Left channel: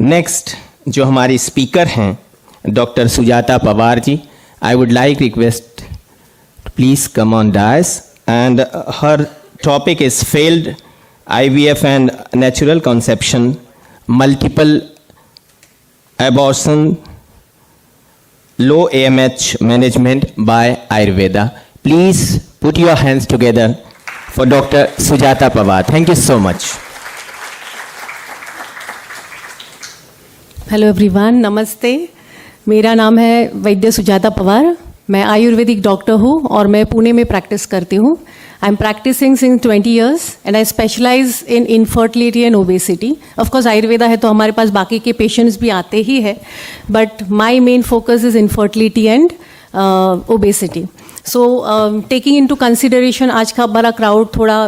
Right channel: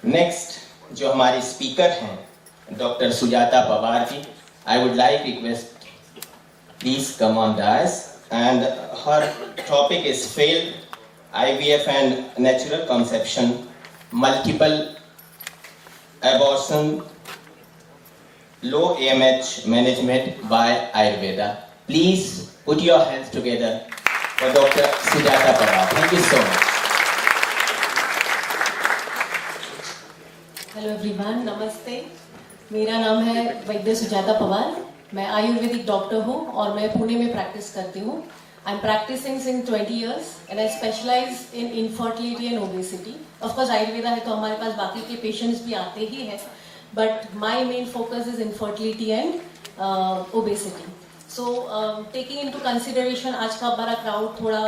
Next जो हमारी speaker हैं doctor Sujata Pawar ji, I would like request please come on dais and her topic is failed IVF and natural conception, multiple abortion, low AMH management by Ayurveda. Please put your hands together for Dr. Sujata Pawar. Thank you so much. Hello everyone, नमस्ते। मेरा नाम है वैद्य सुजाता पवार। मैं Ayurvedic doctor हूँ और मैं पुणे में practice करती हूँ। I am practising since 20 years and I specialise in infertility and obesity. Of course Ayurveda है तो हमारे पास बाकी के पेशेंट्स भी आते ही है, but my main focus is infertility and obesity. So taking into consideration आज का बड़ा क्राउड थोड़ा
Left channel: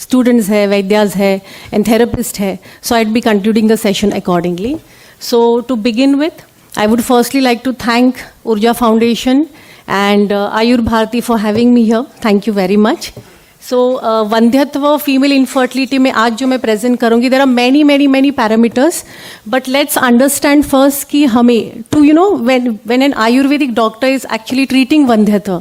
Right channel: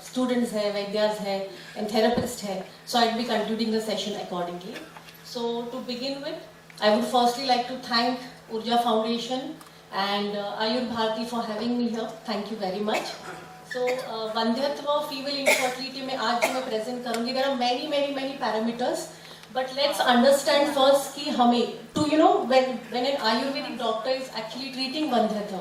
स्टूडेंट्स है, वैद्यास है एंड थेरेपिस्ट है, so I be concluding the session accordingly. So to begin with, I would firstly like to thank Urja Foundation and Ayur Bharati for having me here. Thank you very much. So वंध्यत्व female infertility में आज जो मैं present करूँगी, there are many parameters, but let's understand first कि हमें to when an Ayurvedic doctor is actually treating वंध्यत्व,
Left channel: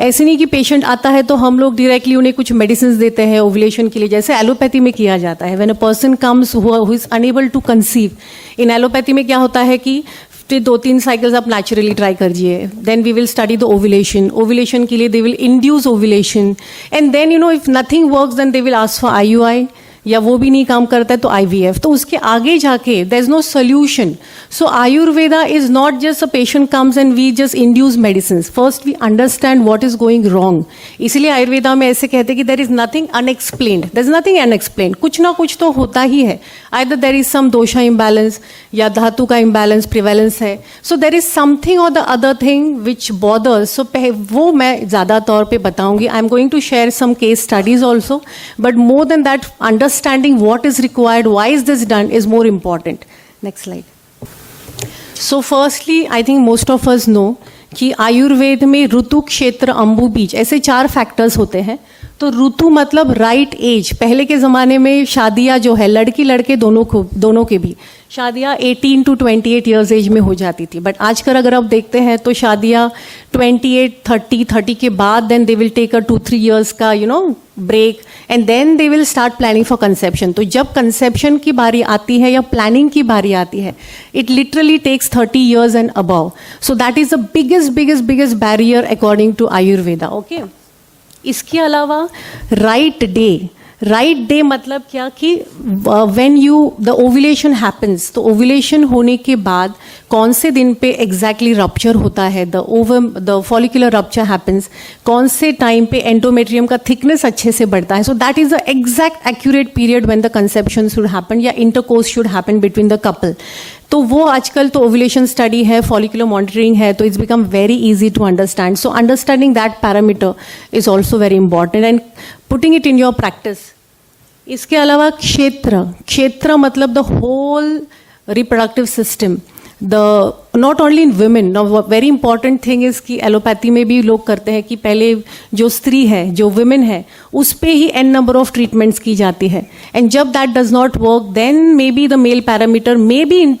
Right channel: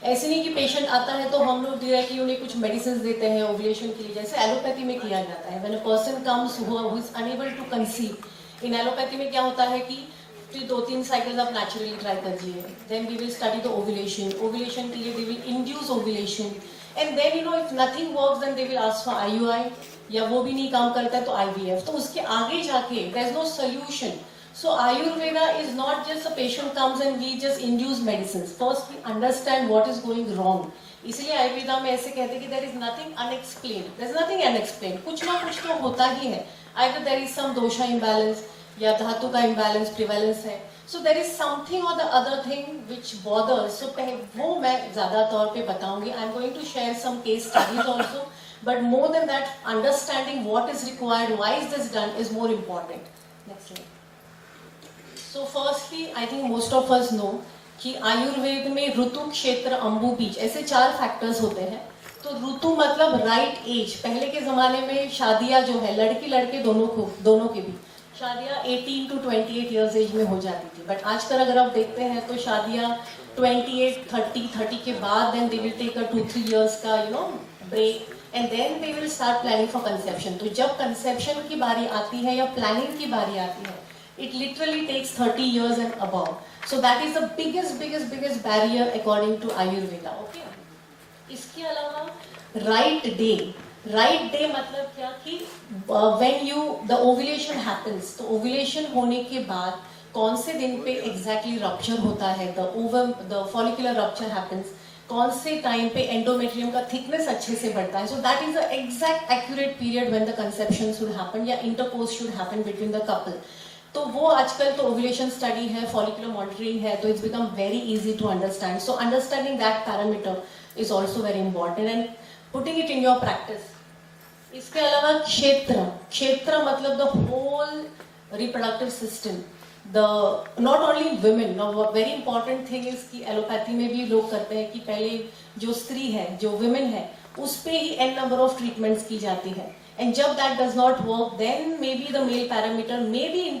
ऐसे नहीं कि पेशेंट आता है तो हम लोग डायरेक्टली उन्हें कुछ मेडिसिन देते हैं ओवुलेशन के लिए, जैसे एलोपैथी में किया जाता है. when a person comes who is unable to conceive, in allopathy में क्या होता है कि 2-3 साइकिल्स आप नेचुरली ट्राई करिए, then we will study the ovulation के लिए they will induce ovulation and then if nothing works then they will ask for IUI, या वो भी नहीं काम करता है तो IVF. तो उसके आगे जाके there is no solution. So Ayurveda is not just a patient comes and we just induce medicines. First we understand what is going wrong. इसलिए आयुर्वेदा में ऐसे कहते हैं कि there is nothing unexplained. There is nothing unexplained. कुछ ना कुछ तो होता ही है. Either there is some dosha imbalance या धातु का imbalance prevalence है. So there is something or the other thing which bothers. So वो मैं ज़्यादा तौर पे बताऊंगी. I am going to share some case studies also. But more than that, understanding what is required, why is this done is more important. Next slide. So firstly I think most of us know कि आयुर्वेद में ऋतु, क्षेत्र, अंबु, बीज ऐसे 4 factors होते हैं. तो ऋतु मतलब राइट एज. पहले के ज़माने में शादियाँ जो है लड़की लड़के दोनों के भी शादियाँ 18 to 28 ईयर्स एज में हो जाती थी. बट आजकल अगर आप देखते हैं तो शादियाँ 28, 30 के बाद then they will take a 2-3 years का break and then they will start planning for conception. तो जब कंसेप्शन की बारी आती है या प्लानिंग की बारी आती है, it literally takes 30 years and above. So that is the biggest barrier according to Ayurveda. Okay. इसके अलावा right day मतलब क्या कि when the ovulation happens, तो ovulation होने के बाद कौन से दिन पे एग्जैक्टली रप्चर होता है, द फॉलिकुलर रप्चर हैपन्स, कौन से टाइम पे एंडोमेट्रियम का थिकनेस अच्छे से बढ़ता है. So that is the exact accurate period when the conception should happen या intercourse should happen between the couple. तो वो आजकल तो ओवुलेशन स्टडी है, फॉलिकुलर मॉनिटरिंग है, तो it's become very easy to understand. So understanding that parameter is also very important and putting it in your practice. इसके अलावा क्षेत्र मतलब the whole reproductive system, not only in women. Very important thing is कि allopathy में भी लोग करते हैं कि पहले जो स्त्री है, जो वुमेन है, उस पे ही n नंबर ऑफ ट्रीटमेंट्स की जाती है. एंड जब that does not work then maybe the male parameter may be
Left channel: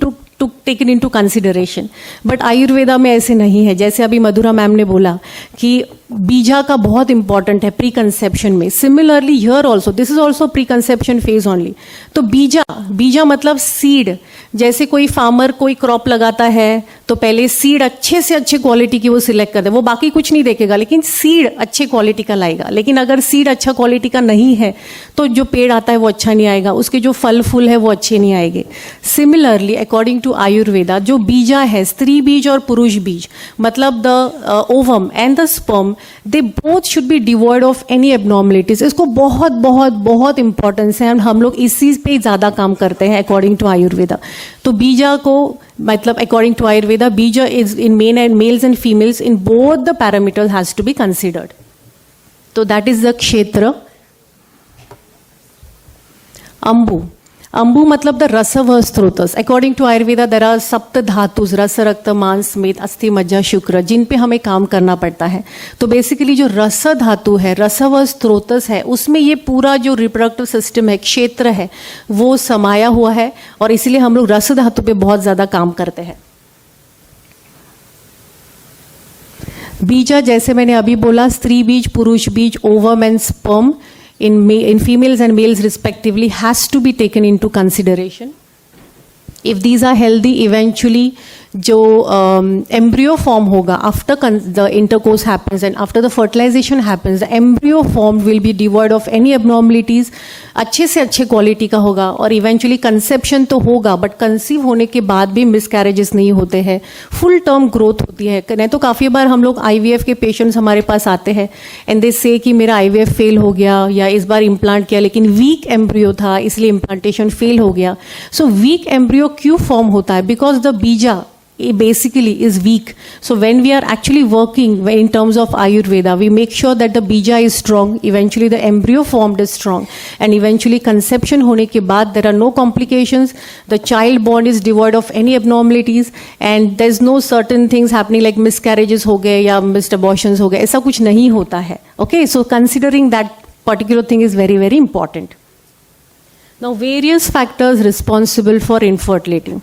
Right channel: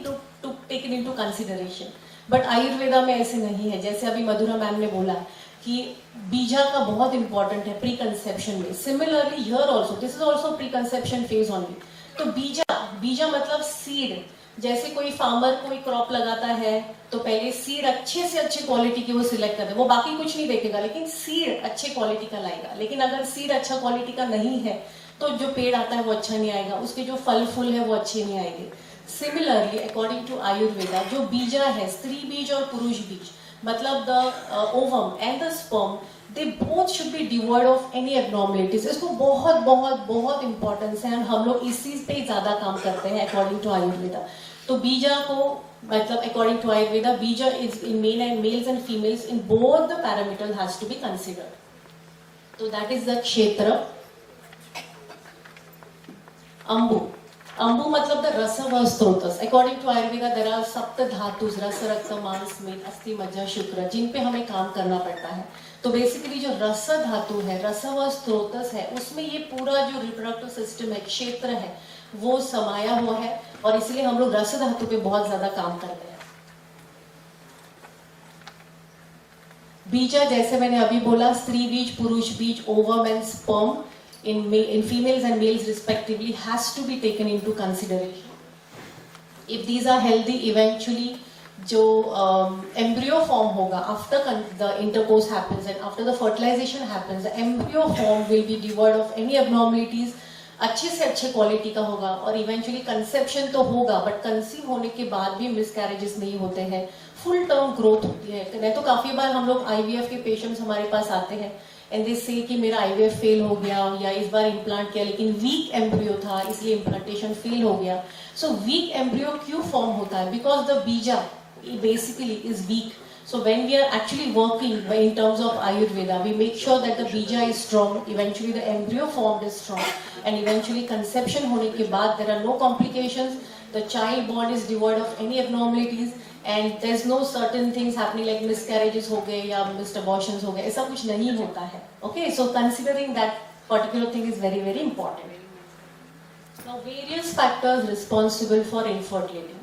taken into consideration. But Ayurveda में ऐसे नहीं है. जैसे अभी मधुरा मैम ने बोला कि बीजा का बहुत इंपॉर्टेंट है प्री कंसेप्शन में. Similarly here also this is also pre conception phase only. तो बीजा मतलब सीड. जैसे कोई फार्मर कोई क्रॉप लगाता है तो पहले सीड अच्छे से अच्छे क्वालिटी की वो सिलेक्ट करता है. वो बाकी कुछ नहीं देखेगा लेकिन सीड अच्छे क्वालिटी का लाएगा. लेकिन अगर सीड अच्छा क्वालिटी का नहीं है तो जो पेड़ आता है वो अच्छा नहीं आएगा, उसके जो फल फूल है वो अच्छे नहीं आएंगे. सिमिलरली अकॉर्डिंग टू आयुर्वेदा जो बीजा है, स्त्री बीज और पुरुष बीज, मतलब the ovum and the sperm, they both should be devoid of any abnormalities. इसको बहुत इंपॉर्टेंस है. हम लोग इस चीज़ पे ज़्यादा काम करते हैं अकॉर्डिंग टू आयुर्वेदा. तो बीजा को मतलब according to Ayurveda beeja is in males and females in both the parameters has to be considered. तो that is the kshetra. Ambu ambu मतलब the rasava srotas. According to Ayurveda there are sapta dhatus, रस, रक्त, मांस, मेद, अस्थि, मज्जा, शुक्र, जिन पे हमें काम करना पड़ता है. तो बेसिकली जो रस धातु है, रसव स्रोतस है, उसमें ये पूरा जो रिप्रोडक्टिव सिस्टम है, क्षेत्र है, वो समाया हुआ है और इसलिए हम लोग रस धातु पे बहुत ज़्यादा काम करते हैं. बीजा जैसे मैंने अभी बोला, स्त्री बीज, पुरुष बीज, ovum and sperm in females and males respectively has to be taken into consideration. If these are healthy, eventually जो embryo form होगा after the intercourse happens and after the fertilization happens, the embryo form will be devoid of any abnormalities, अच्छे से अच्छे quality का होगा और eventually conception तो होगा, बट कंसीव होने के बाद भी मिसकैरेजेस नहीं होते हैं, फुल टर्म ग्रोथ होती है. नहीं तो काफ़ी बार हम लोग IVF के पेशेंट्स हमारे पास आते हैं एंड दे से कि मेरा IVF फेल हो गया या इस बार इम्प्लांट किया लेकिन वीक एम्ब्रियो था इसलिए इम्प्लांटेशन फेल हो गया. सो वीक एम्ब्रियो क्यों फॉर्म होता है? बिकॉज द बीजा basically is weak. So when we are actually working in terms of Ayurveda, we make sure that the bija is strong, eventually the embryo formed is strong, and eventually conception hone ke baad there are no complications, the child born is devoid of any abnormalities and there's no certain things happening like miscarriages ho gaye ya missed abortions ho gaye, aisa kuch nahi hota hai. Okay, so considering that particular thing is very very important. Now various factors responsible for infertility.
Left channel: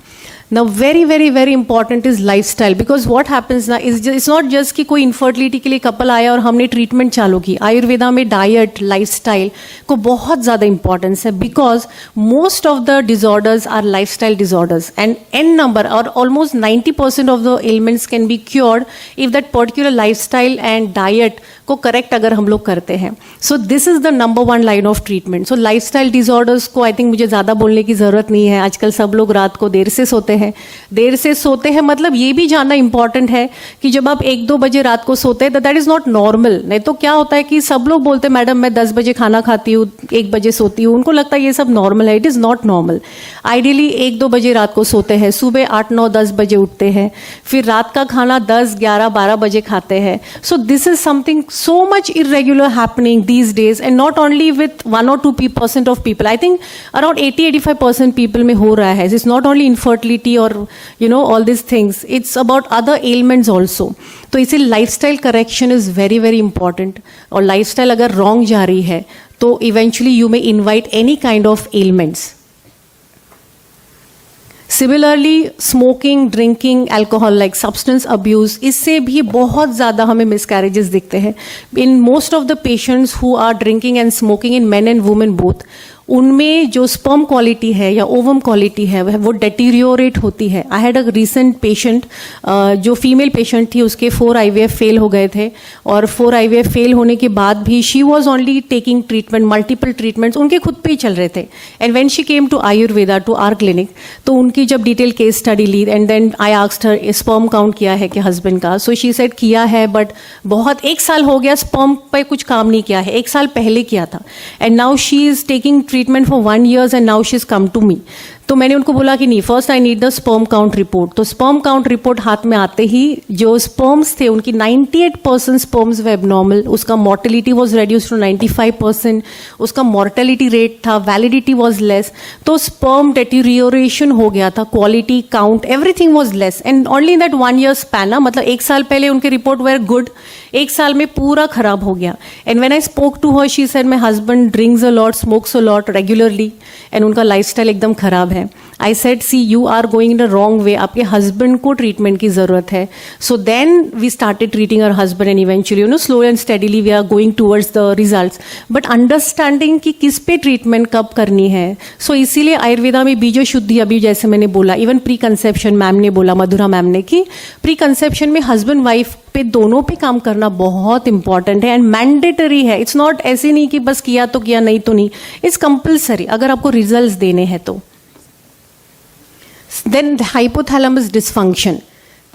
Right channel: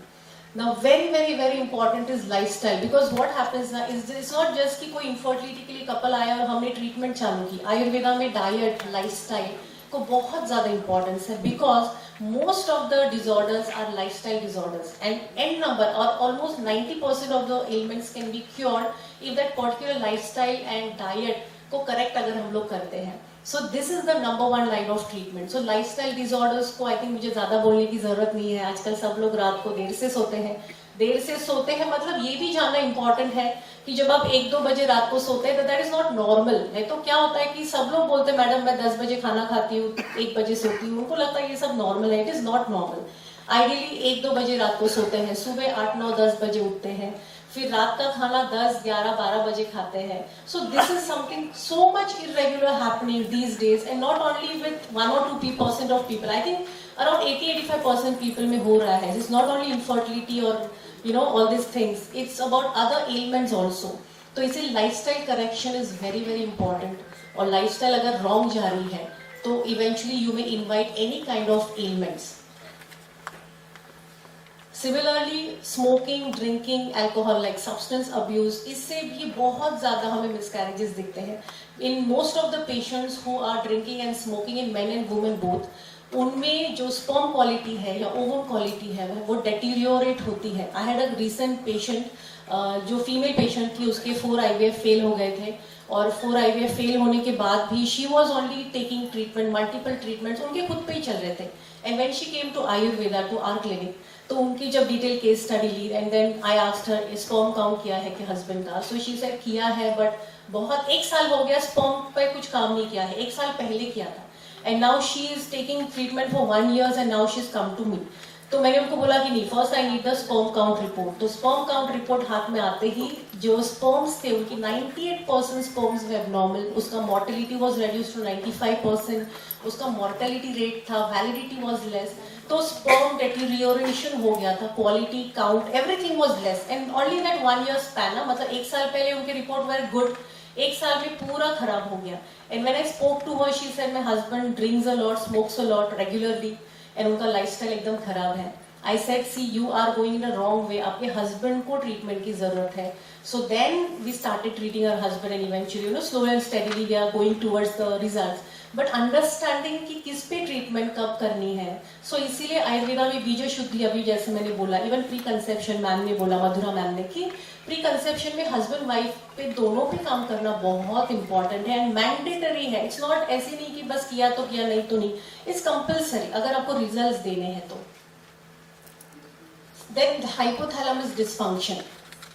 Now very very very important is lifestyle, because what happens now is it's not just कि कोई infertility के लिए couple आया और हमने treatment चालू की. आयुर्वेदा में डाइट, लाइफस्टाइल को बहुत ज़्यादा इंपॉर्टेंस है, because most of the disorders are lifestyle disorders and n number और almost 90% of the ailments can be cured if that particular lifestyle and diet को करेक्ट अगर हम लोग करते हैं. So this is the number 1 line of treatment. So lifestyle disorders को I think मुझे ज़्यादा बोलने की ज़रूरत नहीं है. आजकल सब लोग रात को देर से सोते हैं. देर से सोते हैं मतलब ये भी जानना इंपॉर्टेंट है कि जब आप 1-2 बजे रात को सोते हैं दैट इज़ नॉट नॉर्मल. नहीं तो क्या होता है कि सब लोग बोलते हैं मैडम मैं 10 बजे खाना खाती हूँ, 1 बजे सोती हूँ, उनको लगता है ये सब नॉर्मल है. It is not normal. Ideally 1-2 बजे रात को सोते हैं, सुबह 8-9-10 बजे उठते हैं, फिर रात का खाना 10-11-12 बजे खाते हैं. So this is something so much irregular happening these days, and not only with 1 or 2% of people. I think around 80-85% people में हो रहा है. It's not only infertility or all these things. It's about other ailments also. तो इसे lifestyle correction is very very important. और lifestyle अगर wrong जा रही है तो eventually you may invite any kind of ailments. Similarly smoking, drinking, alcohol like substance abuse, इससे भी बहुत ज़्यादा हमें मिसकैरेजेस दिखते हैं. In most of the patients who are drinking and smoking in men and women both, उनमें जो sperm quality है या ओवम क्वालिटी है वो डेटीरियोरेट होती है. I had a recent patient जो फीमेल पेशेंट थी, उसके 4 IVF फेल हो गए थे और 4 IVF फेल होने के बाद भी she was only taking treatment, multiple treatments उनके खुद पे ही चल रहे थे. And when she came to Ayurveda to our clinic, तो उनकी जब डिटेल केस स्टडी ली and then I asked her sperm count किया है कि हस्बैंड का. सो शी सेड किया है बट बहुत 1 साल हो गया, स्पर्म पे कुछ काम नहीं किया है, 1 साल पहले किया था. And now she is taking treatment for 1 year and now she is come to me. तो मैंने उनको बोला कि नहीं, first I need the sperm count report. तो स्पर्म काउंट रिपोर्ट हाथ में आते ही जो स्पर्म्स थे उनकी 98% स्पर्म्स वे एबनॉर्मल, उसका मोर्टेलिटी वॉज रेड्यूस टू 95%, उसका मोर्टेलिटी रेट था, वैलिडिटी वॉज लेस. तो स्पर्म डेटीरियोरेशन हो गया था, quality, count, everything was less and only in that 1 year span. मतलब 1 साल पहले उनके रिपोर्ट वेर गुड, 1 साल में पूरा खराब हो गया. And when I spoke to her she said my husband drinks a lot, smokes a lot regularly and उनका लाइफस्टाइल एकदम खराब है. I said see you are going the wrong way, आपके हस्बैंड को ट्रीटमेंट की ज़रूरत है. So then we started treating our husband and eventually slow and steadily we are going towards the results, but understanding कि किस पे treatment कब करनी है. सो इसीलिए आयुर्वेदा में बीजो शुद्धि, अभी जैसे मैंने बोला, इवन प्री कंसेप्शन मैम ने बोला, मधुरा मैम ने, कि प्री कंसेप्शन में हस्बैंड वाइफ पे दोनों पे काम करना बहुत इंपॉर्टेंट है एंड मैंडेटरी है. इट्स नॉट ऐसे नहीं कि बस किया तो किया, नहीं तो नहीं. इट्स कंपल्सरी अगर आपको रिजल्ट्स देने हैं तो. Then hypothalamus dysfunction.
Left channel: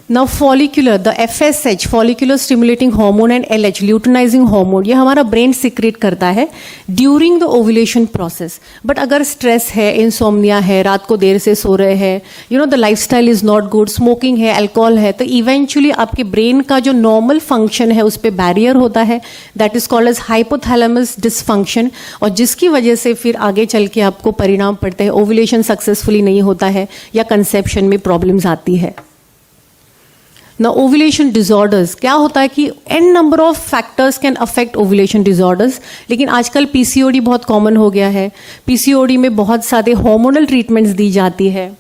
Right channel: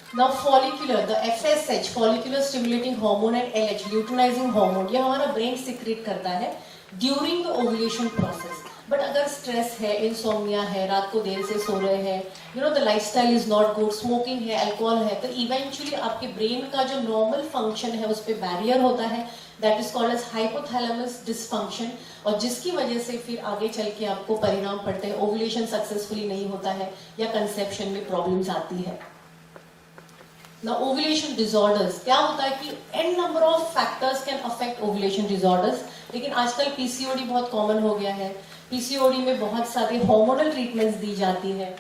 Now follicular, the FSH, follicular stimulating hormone and LH, luteinizing hormone, ये हमारा ब्रेन सिक्रेट करता है during the ovulation process. But अगर स्ट्रेस है, इंसोम्निया है, रात को देर से सो रहे हैं, you know the lifestyle is not good, smoking है, अल्कोहल है, तो इवेंचुअली आपके ब्रेन का जो नॉर्मल फंक्शन है उस पर बैरियर होता है. That is called as hypothalamus dysfunction, और जिसकी वजह से फिर आगे चल के आपको परिणाम पड़ते हैं. ओव्यूलेशन सक्सेसफुली नहीं होता है या कंसेप्शन में प्रॉब्लम्स आती है. ना ओव्यूलेशन डिसऑर्डर्स क्या होता है कि an number of factors can affect ovulation disorders, लेकिन आजकल पीसीओडी बहुत कॉमन हो गया है. पीसीओडी में बहुत सारे हार्मोनल ट्रीटमेंट्स दी जाती है.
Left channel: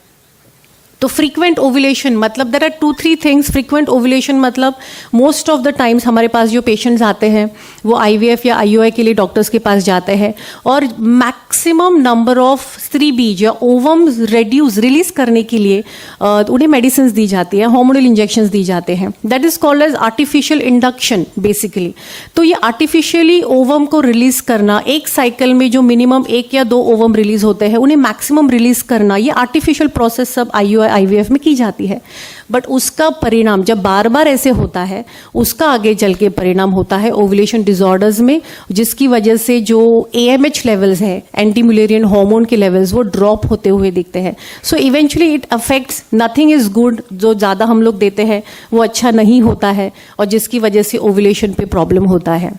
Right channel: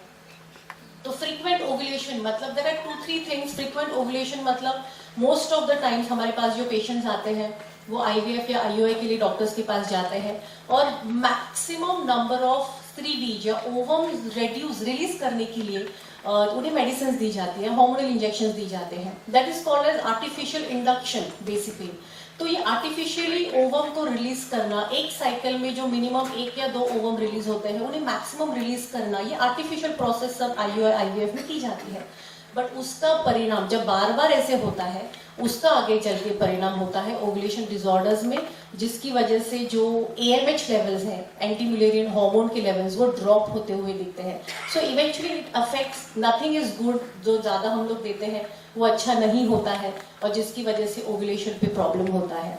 तो फ्रीक्वेंट ओव्यूलेशन मतलब there are 2-3 things. Frequent ovulation मतलब मोस्ट ऑफ द टाइम्स हमारे पास जो पेशेंट्स आते हैं वो आईवीएफ या आईयूआई के लिए डॉक्टर्स के पास जाते हैं, और मैक्सिमम नंबर ऑफ स्त्री बीज या ओवम रिलीज करने के लिए उन्हें मेडिसिन दी जाती है, हार्मोनल इंजेक्शंस दी जाते हैं. That is called as artificial induction basically. तो ये आर्टिफिशियली ओवम को रिलीज करना, एक साइकिल में जो मिनिमम 1 या 2 ओवम रिलीज होते हैं उन्हें मैक्सिमम रिलीज करना, ये आर्टिफिशियल प्रोसेस सब आईवीएफ में की जाती है. बट उसका परिणाम जब बार बार ऐसे होता है उसका आगे चल के परिणाम होता है ओव्यूलेशन डिसऑर्डर्स में, जिसकी वजह से जो एएमएच लेवल्स है, एंटी म्यूलेरियन हार्मोन के लेवल्स, वो ड्रॉप होते हुए दिखते हैं. So eventually it affects, nothing is good. जो ज़्यादा हम लोग देते हैं वो अच्छा नहीं होता है, और जिसकी वजह से ओव्यूलेशन पे प्रॉब्लम होता है.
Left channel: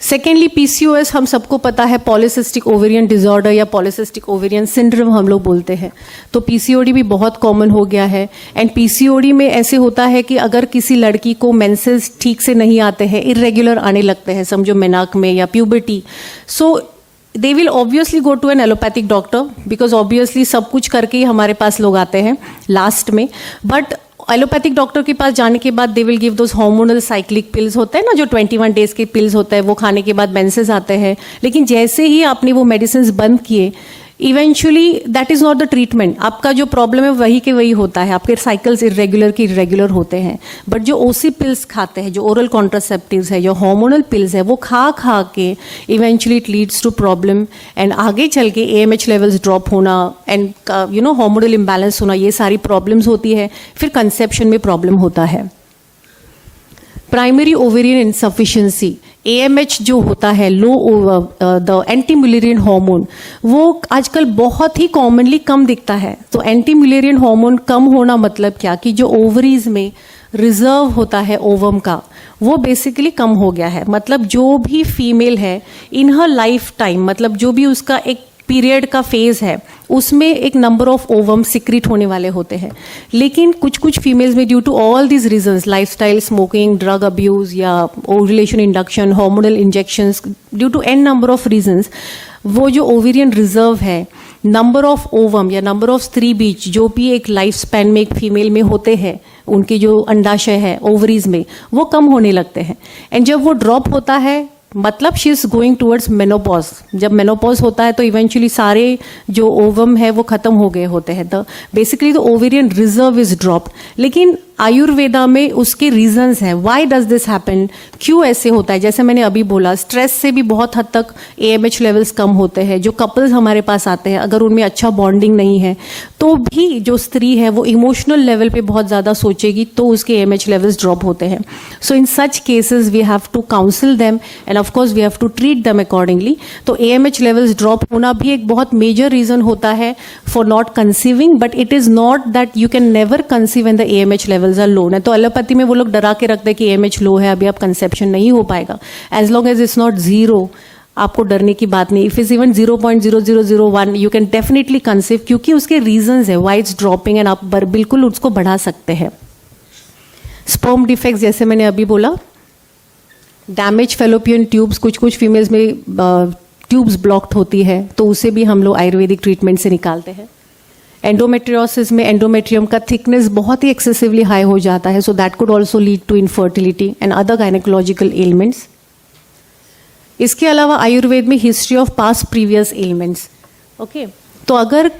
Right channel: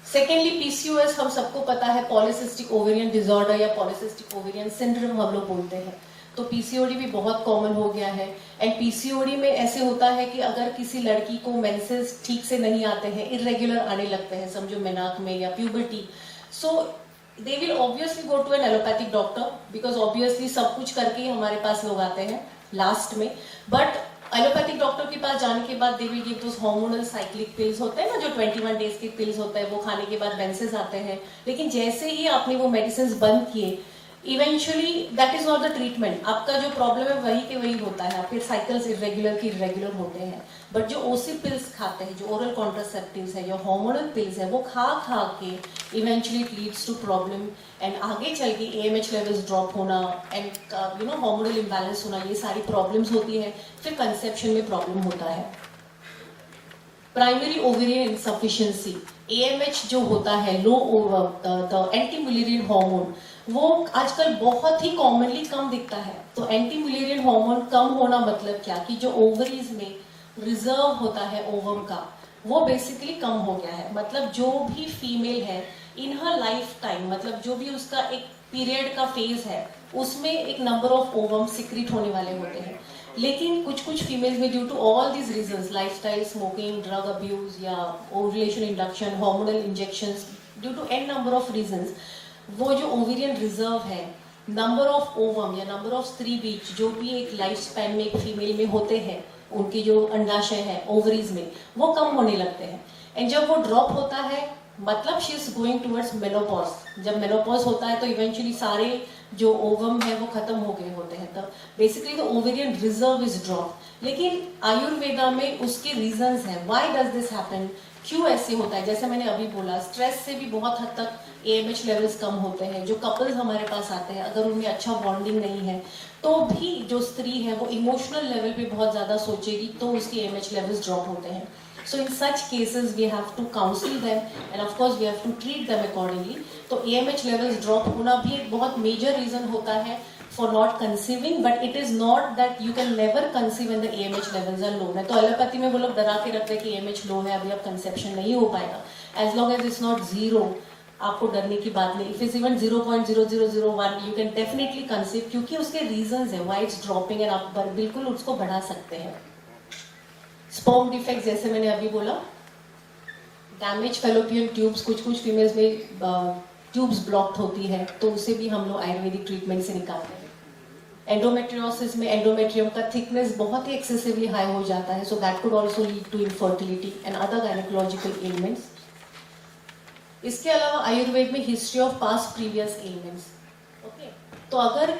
सेकेंडली पीसीओएस हम सबको पता है, पॉलीसिस्टिक ओवेरियन डिसऑर्डर या पॉलीसिस्टिक ओवेरियन सिंड्रोम हम लोग बोलते हैं. तो पीसीओडी भी बहुत कॉमन हो गया है. एंड पीसीओडी में ऐसे होता है कि अगर किसी लड़की को मेंसेस ठीक से नहीं आते हैं, इरेगुलर आने लगते हैं, समझो मेनाक में या puberty, so they will obviously go to an allopathic doctor, because obviously सब कुछ करके ही हमारे पास लोग आते हैं लास्ट में. बट एलोपैथिक डॉक्टर के पास जाने के बाद they will give those hormonal cyclic pills होते हैं ना, जो 21 डेज के पिल्स होते हैं, वो खाने के बाद मेंसेस आते हैं. लेकिन जैसे ही आपने वो मेडिसिन बंद किए, eventually that is not the treatment. आपका जो प्रॉब्लम है वही के वही होता है, आपके साइकिल्स इरेगुलर होते हैं. बट जो ओसी पिल्स खाते हैं, जो ओरल कॉन्ट्रासेप्टिव्स है, जो हार्मोनल पिल्स है, वो खा के eventually it leads to problem. And आगे चल के एएमएच लेवल्स ड्रॉप होना and you know hormonal imbalance होना, ये सारी प्रॉब्लम्स होती है. फिर कंसेप्शन में प्रॉब्लम होता है. प्राइमरी ओवेरियन इनसफिशिएंसी, एएमएच जो होता है, लो द एंटी म्यूलेरियन हार्मोन, वो आजकल बहुत ही कॉमनली कम दिखता है. तो एंटी म्यूलेरियन हार्मोन कम होना मतलब क्या कि जो ओवरीज में रिजर्व होता है ओवम का, वो बेसिकली कम हो गया है. मतलब जो भी फीमेल है इन हर लाइफ टाइम, मतलब जो भी उसका एक पीरियड का फेज है, उसमें एक नंबर ऑफ ओवम सिक्रीट होने वाले होते हैं. लेकिन कुछ फीमेल्स में due to all these reasons, lifestyle, smoking, drug abuse या ovulation induction, hormonal injections, due to an number of reasons, वो जो ओवेरियन रिजर्व है, नंबर ऑफ ओवम या नंबर ऑफ स्त्री बीज जो भी एक लाइफ स्पैन में एक फीमेल में होते हैं, उनके जो अंडाशय है ओवरीज में, वो कम होने लगते हैं. एंड जब वो ड्रॉप होता है मतलब she is going towards menopause. जब मेनोपॉज होता है तो इवेंचुअली सारे जो ओवम है वो खत्म हो गए होते हैं. तो basically the ovarian reserve is drop. लेकिन आयुर्वेदा में उसके रीजंस हैं, व्हाई डज दिस हैपन, क्यों ऐसे होता है. जैसे मैंने अभी बोला, स्ट्रेस से भी बहुत हद तक एएमएच लेवल्स कम होते हैं. जो कपल्स हमारे पास आते हैं, अगर उनमें अच्छा बॉन्डिंग नहीं है तो भी जो स्त्री है वो इमोशनल लेवल पे बहुत ज़्यादा सोचेगी, तो उसके एएमएच लेवल्स ड्रॉप होते हैं. So in such cases we have to counsel them and of course we have to treat them accordingly. तो एएमएच लेवल्स ड्रॉप होना भी एक बहुत मेजर रीज़न होता है for not conceiving. But it is not that you can never conceive when the AMH levels are low. तो allopathy में वो लोग डरा के रखते हैं कि एएमएच लो है, अभी आप कंसेप्शन नहीं हो पाएगा. As long as it's not zero, आपको डरने की बात नहीं. If is even 0.0001 you can definitely conceive, क्योंकि उसके रीजंस है वाई इट्स ड्रॉपिंग, एंड आप बिल्कुल उसको बढ़ा सकते हैं. स्पर्म डिफेक्ट्स, जैसे मैंने अभी बोला, डैमेज फेलोपियन ट्यूब्स, कुछ फीमेल्स में ट्यूब्स ब्लॉक्ड होती है, तो उसे भी हम लोग आयुर्वेदिक ट्रीटमेंट से निकालते हैं. एंडोमेट्रियोसिस में एंडोमेट्रियम का थिकनेस बहुत ही एक्सेसिवली हाई हो जाता है, so that could also lead to infertility and other gynaecological ailments. इसके अलावा आयुर्वेद में history of past previous ailments. Okay, तो अगर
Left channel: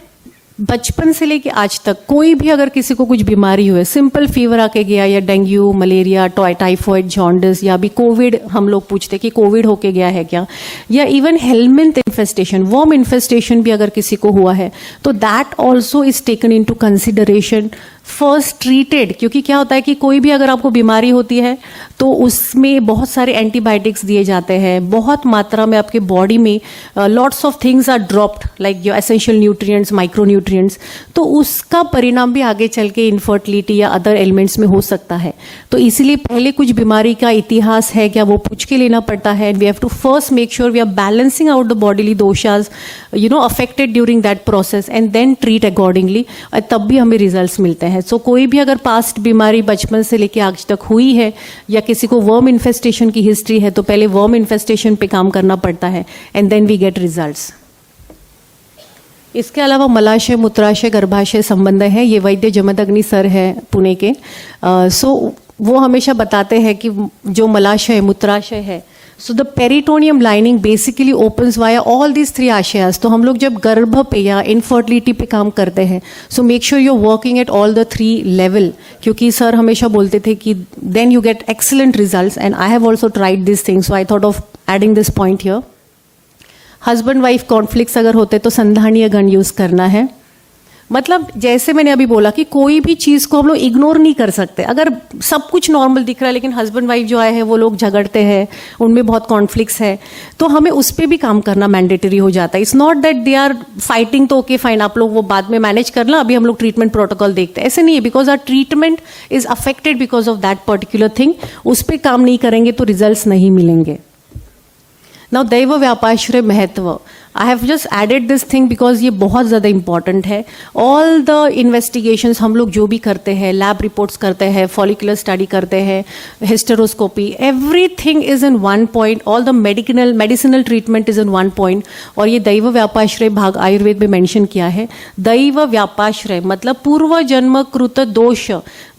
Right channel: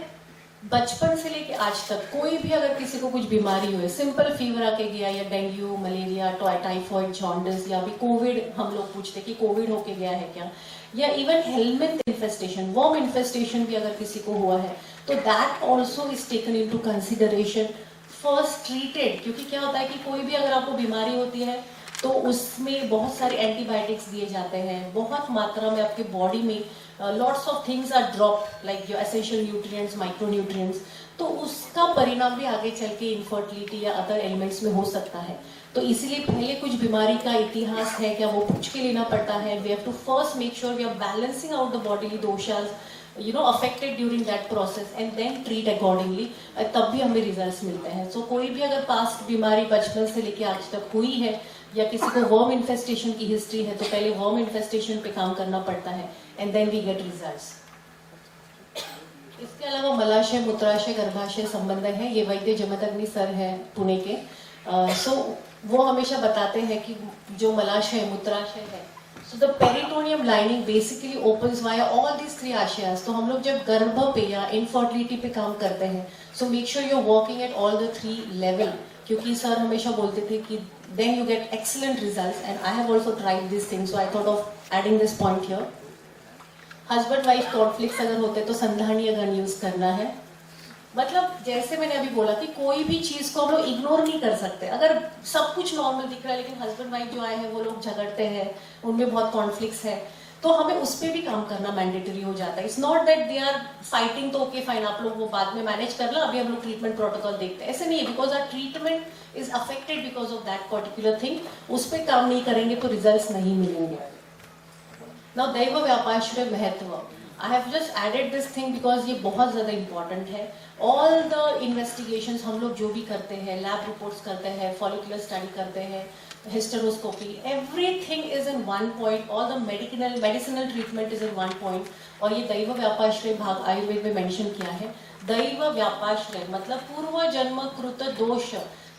बचपन से लेके आज तक कोई भी अगर किसी को कुछ बीमारी हुए, सिंपल फीवर आके गया या डेंगू, मलेरिया, टाइफॉइड, जॉन्डिस या अभी कोविड, हम लोग पूछते कि कोविड होके गया है क्या, या even helminth infestation, worm infestation भी अगर किसी को हुआ है तो that also is taken into consideration, first treated. क्योंकि क्या होता है कि कोई भी अगर आपको बीमारी होती है तो उसमें बहुत सारे एंटीबायोटिक्स दिए जाते हैं, बहुत मात्रा में आपके बॉडी में lots of things are dropped like your essential nutrients, micro nutrients, तो उसका परिणाम भी आगे चल के इनफर्टिलिटी या अदर एलिमेंट्स में हो सकता है। तो इसीलिए पहले कुछ बीमारी का इतिहास है क्या वो पूछ के लेना पड़ता है। We have to first make sure we are balancing out the bodily doshas affected during that process and then treat accordingly, तब भी हमें रिजल्ट्स मिलते हैं। सो कोई भी अगर पास्ट बीमारी बचपन से लेके आज तक हुई है या किसी को वर्म इन्फेस्टेशन की हिस्ट्री है तो पहले वर्म इन्फेस्टेशन पे काम करना पड़ता है and then we get results. इसके अलावा मलाशय, मूत्राशय, गर्भाशय संबंध है, ये वैद्य जमदग्नि सर है पुणे के। सो वो हमेशा बताते हैं कि जो मलाशय, मूत्राशय है, so the peritoneum lining basically opens via all these 3 आशयास। तो हम लोग जब गर्भ पे या इनफर्टिलिटी पे काम करते हैं so make sure you are working at all the 3 level, क्योंकि सर हमेशा बोलते थे कि then you get excellent results and I have also tried this thing, so I thought of adding this point here. Husband wife conflicts अगर होते तो संधानीय गण use करना है। मतलब जैसे मैंने अभी बोला कि कोई भी चीज़ को हम लोग इग्नोर नहीं कर सकते। अगर सब कुछ नॉर्मल दिख रहा है लेकिन हस्बैंड वाइफ जो आए हैं वो लोग झगड़ते हैं, उनमें बहुत कॉन्फ्लिक्ट्स है, तो हमें उस पर भी काम करना मैंडेटरी हो जाता है। It's not that they are fighting तो ओके फाइन, आप लोग वो बाद में मैनेज करना, अभी हम लोग ट्रीटमेंट प्रोटोकॉल देखते हैं, ऐसे नहीं है। Because our treatment is affected because of that particular thing, उस पर काम नहीं करेंगे तो रिजल्ट नहीं मिलेंगे। नाउ दैव व्यापाश्रय महत्व, I have just added this thing because ये बहुत ज़्यादा इंपॉर्टेंट है। ऑल द इन्वेस्टिगेशंस हम लोग जो भी करते हैं, लैब रिपोर्ट्स करते हैं, फॉलिकुलर स्टडी करते हैं, hysteroscopy, everything is in one point, all the medicinal treatment is in one point. और ये दैव व्यापाश्रय भाग आयुर्वेद में मेंशन किया है। दैव व्यापाश्रय मतलब पूर्व जन्म कृत दोष,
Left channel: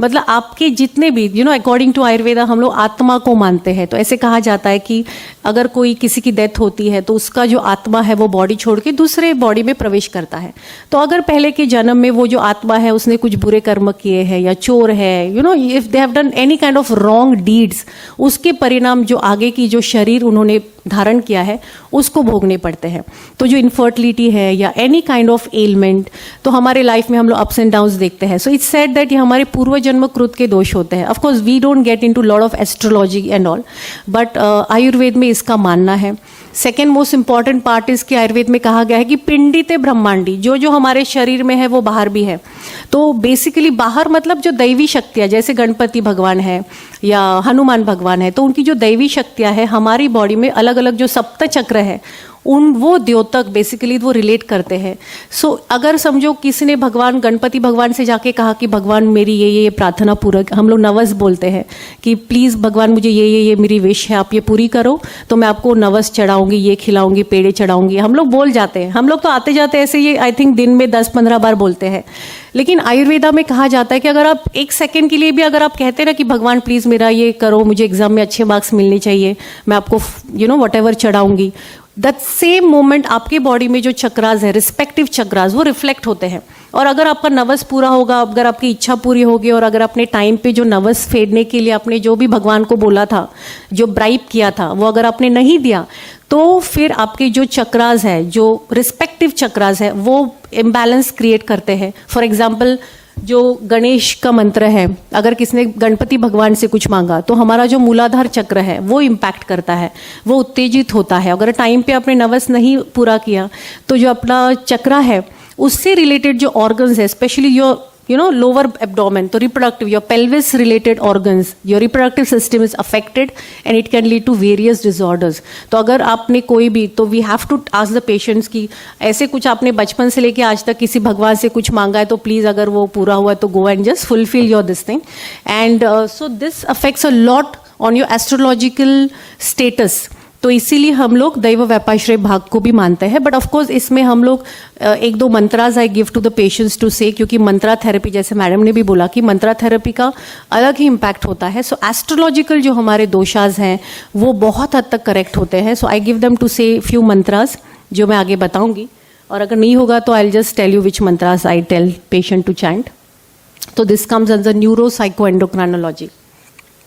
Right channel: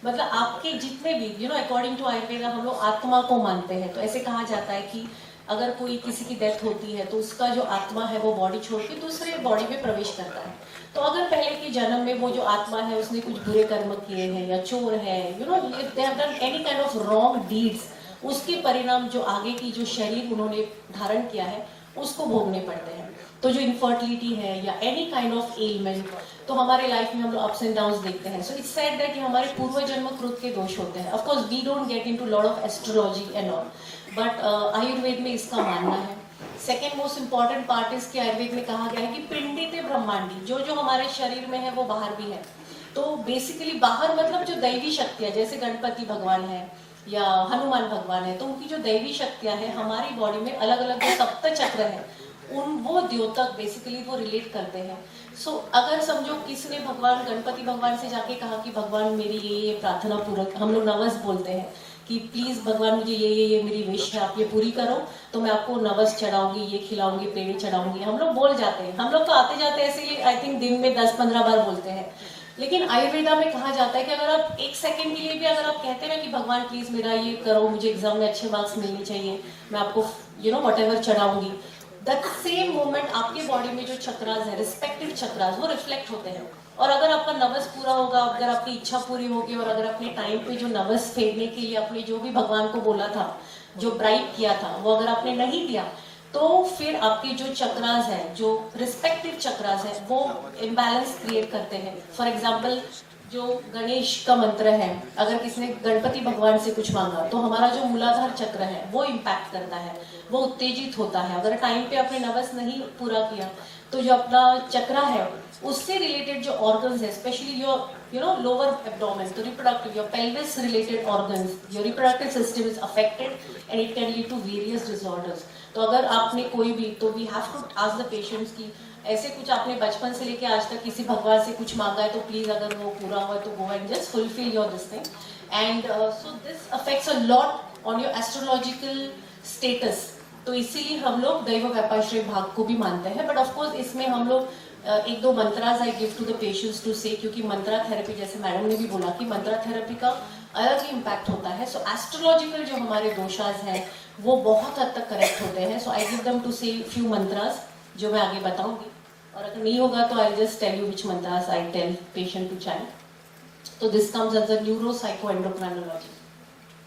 मतलब आपके जितने भी अकॉर्डिंग टू आयुर्वेदा हम लोग आत्मा को मानते हैं। तो ऐसे कहा जाता है कि अगर कोई किसी की डेथ होती है तो उसका जो आत्मा है वो बॉडी छोड़ के दूसरे बॉडी में प्रवेश करता है। तो अगर पहले के जन्म में वो जो आत्मा है उसने कुछ बुरे कर्म किए हैं या चोर है, if they have done any kind of wrong deeds, उसके परिणाम जो आगे की जो शरीर उन्होंने धारण किया है उसको भोगने पड़ते हैं। तो जो इनफर्टिलिटी है या एनी काइंड ऑफ एलिमेंट, तो हमारे लाइफ में हम लोग अप्स एंड डाउन्स देखते हैं। सो इट्स सेड दैट ये हमारे पूर्व जन्म कृत के दोष होते हैं। Of course we don't get into lot of astrology and all, but Ayurveda में इसका मानना है। सेकेंड मोस्ट इंपॉर्टेंट पार्ट इसके आयुर्वेद में कहा गया है कि पिंडिते ब्रह्मांडी, जो हमारे शरीर में है वो बाहर भी है। तो बेसिकली बाहर मतलब जो दैवी शक्तियाँ, जैसे गणपति भगवान है या हनुमान भगवान है, तो उनकी जो दैवी शक्तियाँ है हमारी बॉडी में अलग अलग जो सप्त चक्र है वो द्योतक बेसिकली वो रिलेट करते हैं। सो अगर समझो किसी ने भगवान गणपति भगवान से जाके कहा कि भगवान मेरी ये प्रार्थना पूरा, हम लोग नवस बोलते हैं कि प्लीज़ भगवान मुझे ये मेरी विश है आप ये पूरी करो तो मैं आपको नवस चढ़ाऊंगी, ये खिलाऊंगी, पेड़े चढ़ाऊंगी, हम लोग बोल जाते हैं। हम लोग तो आते जाते ऐसे ये आई थिंक दिन में 10-15 बार बोलते हैं। लेकिन आयुर्वेदा में कहा जाता है कि अगर आप 1 सेकंड के लिए भी अगर आप कहते हैं ना कि भगवान प्लीज़ मेरा ये करो, मुझे एग्जाम में अच्छे मार्क्स मिलने चाहिए, मैं आपको वट एवर चढ़ाऊंगी, दैट सेम मोमेंट आपके बॉडी में जो चक्रास है, रिस्पेक्टिव चक्रास, वो रिफ्लेक्ट होते हैं। और अगर आपका नवस पूरा होगा, अगर आपकी इच्छा पूरी होगी और अगर अपने टाइम पे जो नवस फेरने के लिए आपने जो भी भगवान को बोला था, जो ब्राइब किया था, वो अगर आपने नहीं दिया तो फिर आपके जो चक्रास है, जो रिस्पेक्टिव चक्रास है, वो इम्बैलेंस क्रिएट करते हैं। फॉर एग्जाम्पल जो गणेश का मंत्र है, अगर किसने गणपति भगवान से कुछ मांगा तो हमारा जो मूलाधार चक्र है वो इम्पैक्ट करता है, वो उत्तेजित होता है। अगर टाइम पे आपने नवस नहीं पूरा किया तो जो अपना चक्र है उससे रिलेटेड जो ऑर्गन्स है, स्पेशली योर लोअर एब्डोमेन, तो reproductive, your pelvis related organs, your reproductive system is affected and it can lead to various disorders. तो अगर आपने कोई भी, तो we have to ask the patients कि ऐसे कुछ आपने बचपन से लेके आज तक किसी भगवान से कुछ मांगा है तो प्लीज़ अगर वो पूरा हुआ है तो go and just fulfil your this thing. And so this affects a lot on your astrological status. तो इसीलिए हम लोग दैव व्यापाश्रय भाग को भी मानते हैं। बट ऑफकोर्स इसमें हम लोग 1-2 mantras I give to the patients to say, क्योंकि मंत्रा थेरेपी, जैसे मैडम ने भी बोला कि मंत्रा थेरेपी का अलग ही इम्पैक्ट होता है। सो एस्ट्रोलॉजिकल जो हमारे दोषास हैं वो बहुत हद तक करेक्ट होते हैं। So I give them to say few mantras जो मैं आगे बताऊंगी। और अगर नहीं होगा तो I just tell you which mantras I tell patient to chant. So this comes under neuropsychoendocrinology.